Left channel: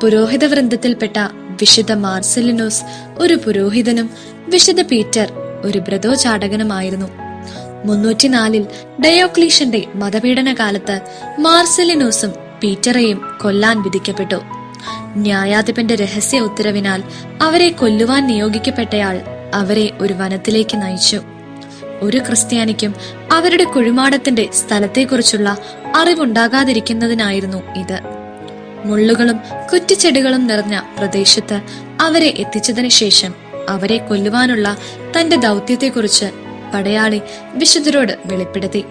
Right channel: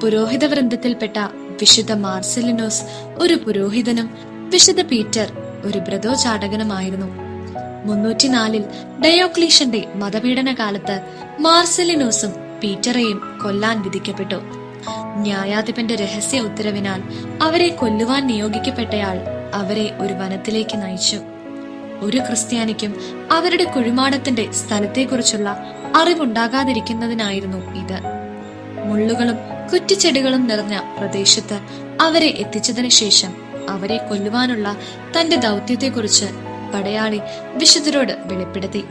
പുരോഹിത വൃന്ദത്തിൽപ്പെട്ട വിശുദ്ധ മാർസെലിനോസ് ഒരു പുരോഹിതനും വിശുദ്ധ പീറ്റർ ഒരു ബ്രതോചാടകനുമായിരുന്നു. 304 ഡയോക്ലീഷ്യന്റെ മതപീഡന കാലത്ത് മാർസെലിനോസും പീറ്ററെയും കൊല്ലാൻ വിധിക്കപ്പെട്ടു. ന്യായാധിപന്റെ രഹസ്യ ഉത്തരവിനാൽ അവരെ കൊല്ലുവാൻ നിയോഗിക്കപ്പെട്ടയാൾ അവരെ ഒരു വനത്തിലേക്ക് നയിച്ചു. ഒരു ക്രിസ്ത്യാനിക്കും അവരുടെ കുഴിമാടത്തിന്റെ സ്ഥലത്തെക്കുറിച്ചുള്ള അറിവുണ്ടാകാതിരിക്കുന്നതിനായിരുന്നു ഇത്. മുള്ളുകളും കുറ്റിച്ചെടികളും നിറഞ്ഞ പ്രദേശത്ത് അവരെ എത്തിച്ചതിന് ശേഷം അവരെ കൊല്ലുവാനുള്ള തന്റെ ദൗത്യത്തെക്കുറിച്ച് പടയാളി വിശുദ്ധരോട് വെളിപ്പെടുത്തി.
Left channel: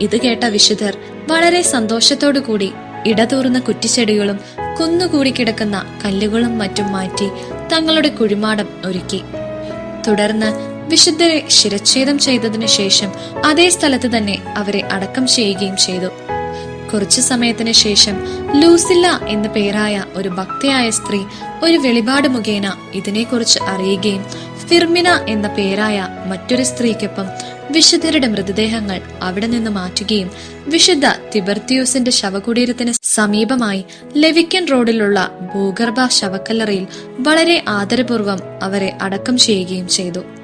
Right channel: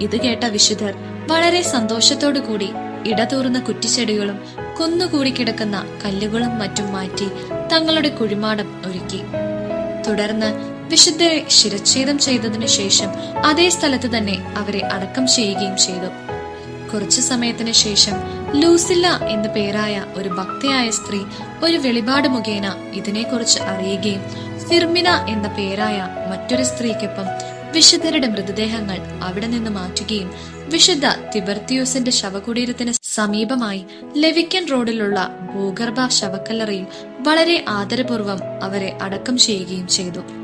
ഇത് കേട്ട വിശുദ്ധർ വളരെ സന്തോഷത്തോടു കൂടി ഇടതൂർന്ന കുറ്റിച്ചെടികളും കുന്നുകൂടി കിടക്കുന്ന കല്ലുകളും മറ്റും മാറ്റി തങ്ങളുടെ കുഴിമാടം ഒരുക്കി. തുടർന്ന് വിശുദ്ധരെ ശിരച്ഛേദം ചെയ്തതിനു ശേഷം അതേ സ്ഥലത്ത് തന്നെ അവരെ അടക്കം ചെയ്യുകയും ചെയ്തു. കുറച്ചു സമയത്തിന് ശേഷം ലൂസില്ല എന്ന പേരായ ഒരു ഭക്തയായ സ്ത്രീ ഒരു വെളിപാട് മുഖേന ഇതിനെക്കുറിച്ച് അറിയുകയും ഫിർമിന എന്ന പേരായ മറ്റൊരു സ്ത്രീക്കൊപ്പം വിശുദ്ധരുടെ മൃതദേഹങ്ങൾ അവിടെ നിന്ന് മാറ്റുകയും വിശുദ്ധ തിബർത്തിയോസിന്റെ ശവകുടീരത്തിന് സമീപമായി ലെവിക്കൻ റോഡിലുള്ള ഭൂഗർഭ ശവക്കല്ലറയിൽ വളരെ ആദരപൂർവ്വം അവരെ അടക്കം ചെയ്യുകയും ചെയ്തു.